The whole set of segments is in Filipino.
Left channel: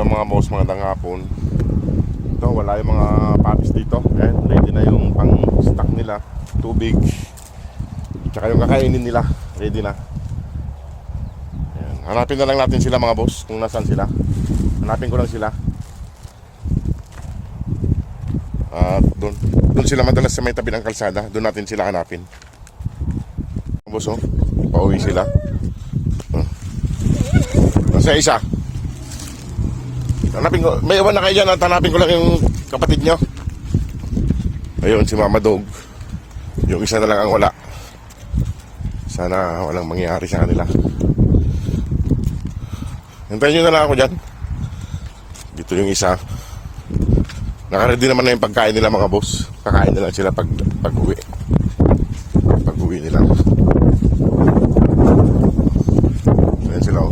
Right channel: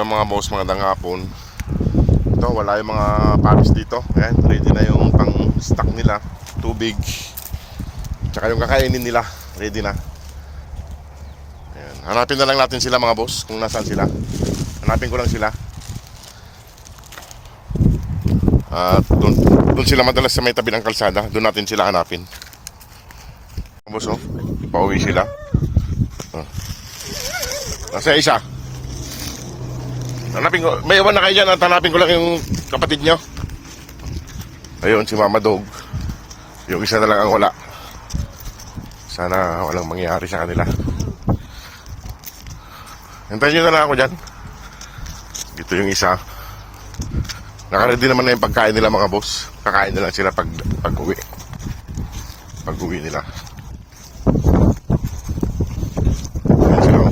Yung mga boss, magandang hapon. Ito, wala yung mga palis dito. Ayan, ready na yung pang stock nila. Tubig. Tsaka yung kakainin nila, ready na. Ayan. Hanapin na lang natin sila mga boss, kung nasaan sila. Hanapin ko lang sila. At doon sila madalas sa may tabi ng kalsada. Doon natin sila hanapin. Boss, oh, pauwi sila. Oh. Nasa isa. Hanapin ko, may iwan na kayo dyan at hanapin ko lang yung kapatid nyo. Ayun, si Mama Dog. Yung isa na lang ang wala. Sana walang mangyari sa kanila. Hintayin nyo na lang ako dyan. Dito yung isa. Nakaready naman na yung pagkain nila mga boss. Kakain na lang sila pag-uwi. Pag-uwi nila. Ayan sila.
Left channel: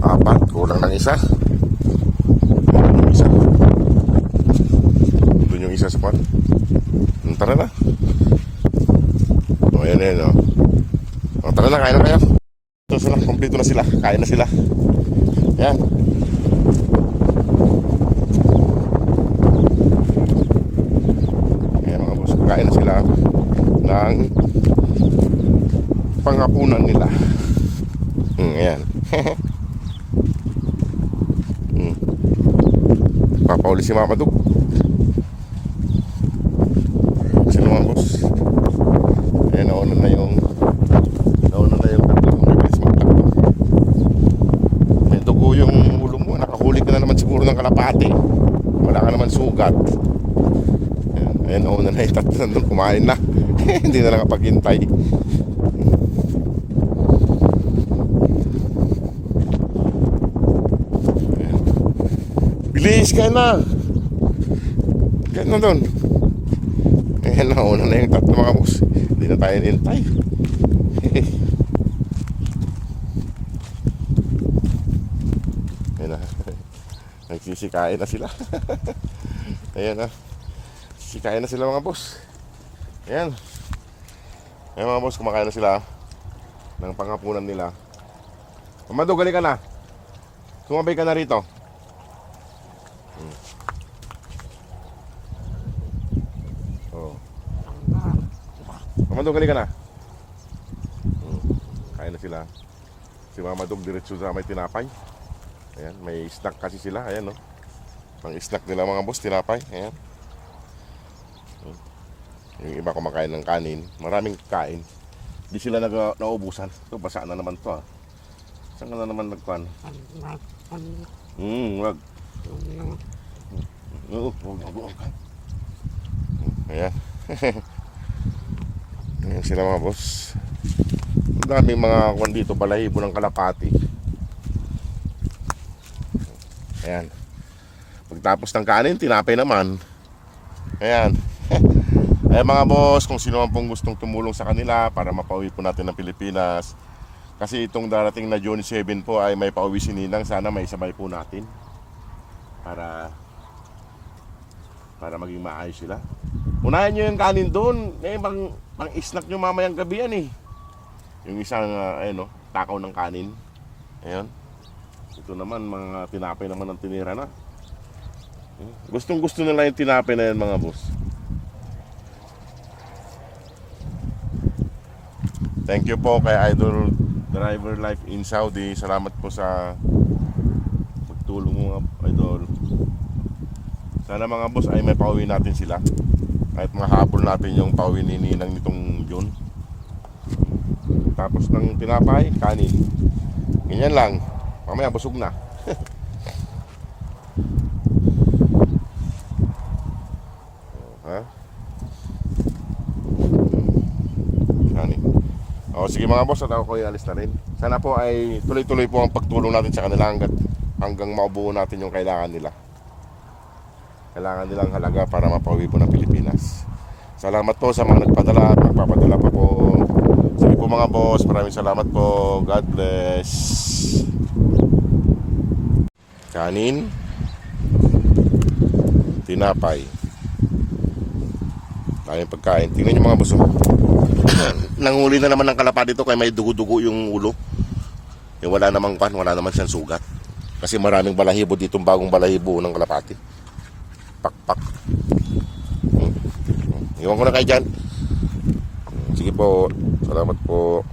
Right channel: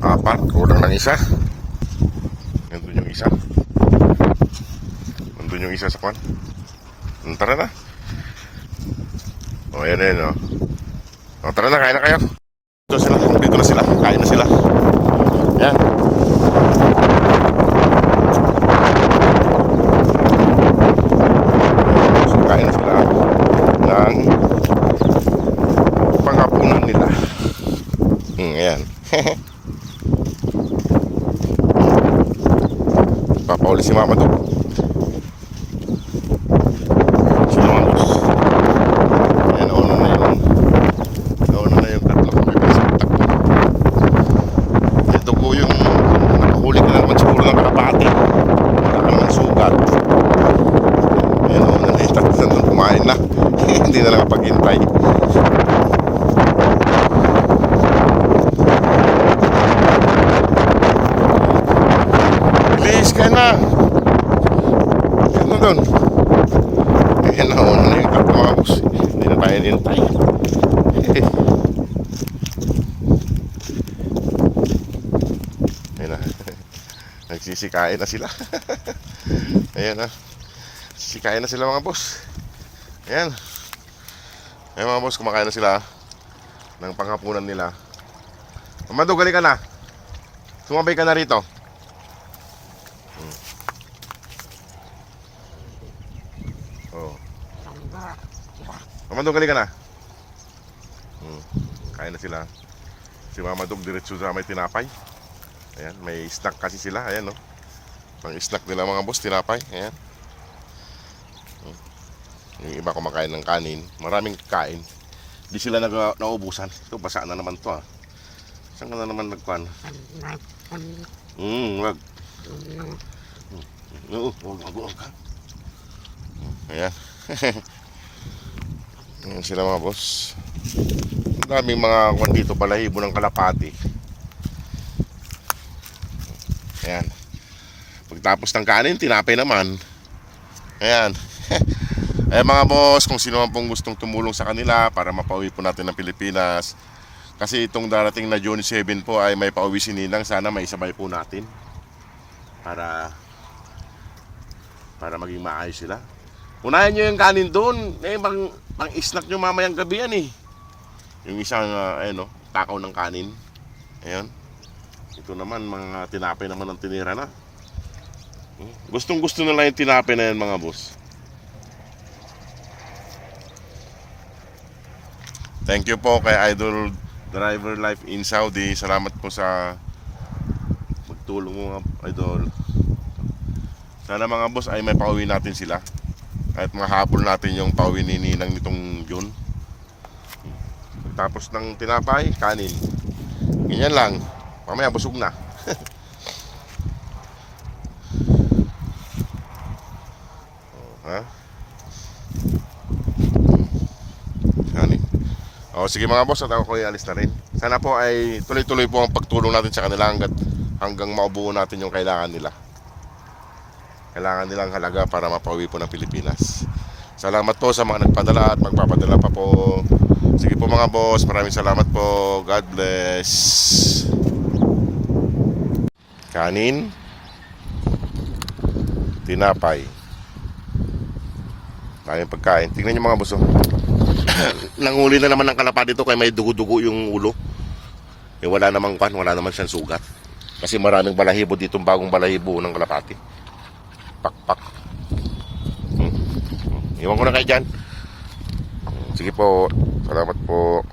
Apat, kulang ng isa. Nandun yung isa. Nandun yung isa sa pan. Tara na. O, ayan. O, tara na, kain na kayo. Ito sila, kompleto na sila. Kain na sila. Ayan. Kain na sila ng panghapunan nila. Ayan. Papauli si Mama Dog. Sino mga boss? Ayan, nauna na yung tatlong nagkasimutak. Ito ko yung nakahuli ka na naman siguro ng kalapati. Wala ka naman sugat. Ayan, nauna na yung tatlong kumain na. Hindi na nakapaghintay. Bilis ka na. Ayan mo doon. Ayan, nauna na yung tatlo mga boss. Hindi na tayo nintay. Ayan na. Nagsisikain na sila. Ayan na. Sisikain na sila mga boss. Ayan. Ayan mga boss, kumakain na sila ng panghapunan nila. Mamado, gali ka na. Sumabay ka na rito. Oh. Mama Dog, gali ka na. Kain na sila. Si Mama Dog diretso sa may tinapay. Ayan, may snack kasi sila. Ayan, no. Ang snack nila mga boss, tinapay. Ayan. Yung iba kumakain ng kanin. Maraming kain. Di sila naubusan. Ito, basa na naman to, ah. Saan ka na naman nagkuhan? Wag. Wag ka. Ayan. Ayan sila mga boss. Ang daming mga kwan dito, balahibo ng kalapati. Ayan. Pagtapos ng kanin, tinapay naman. Ayan. Ayan mga boss, kung sino man pong gustong tumulong sa kanila para mapauwi po natin ng Pilipinas. Kasi itong darating na June 7 po ay may pauwi si Ninang. Sana may sabay po natin para maging maayos sila. Unahin nyo yung kanin doon. Pang snack nyo mamayang gabi yan eh. Yung isang takaw ng kanin. Ayan. Ito naman, mga tinapay naman ang tinira na. Gustong gusto nila yung tinapay na yan mga boss. Thank you po kay Idol Driver Life in Saudi. Salamat po sa magtulong mo, Idol. Sana mga boss ay may pauwi natin sila. Kahit mahabol natin yung pauwi ni Ninang nitong June. Tapos ng tinapay, kanin. Ganyan lang. Mamaya busog na. Ha? Kanin. O sige mga boss, at ako alis na rin. Sana po ay tuloy-tuloy po ang pagtulong natin sa kanila hanggang maubuo natin yung kailangan nila. Kailangan nilang halaga para mapauwi po ng Pilipinas. Salamat po sa mga nagpadala at magpapadala pa po. Sige po mga boss, maraming salamat po. God bless. Kanin, tinapay, tayong pagkain. Tingnan nyo mga boss. Nanghuli na naman ng kalapati dito kaya may dugo-dugo yung ulo. Wala namang siyang sugat. Kasi maraming balahibo ditong bagong balahibo ng kalapati. Pakpak. Iwan ko na kayo dyan. Sige po. Salamat po.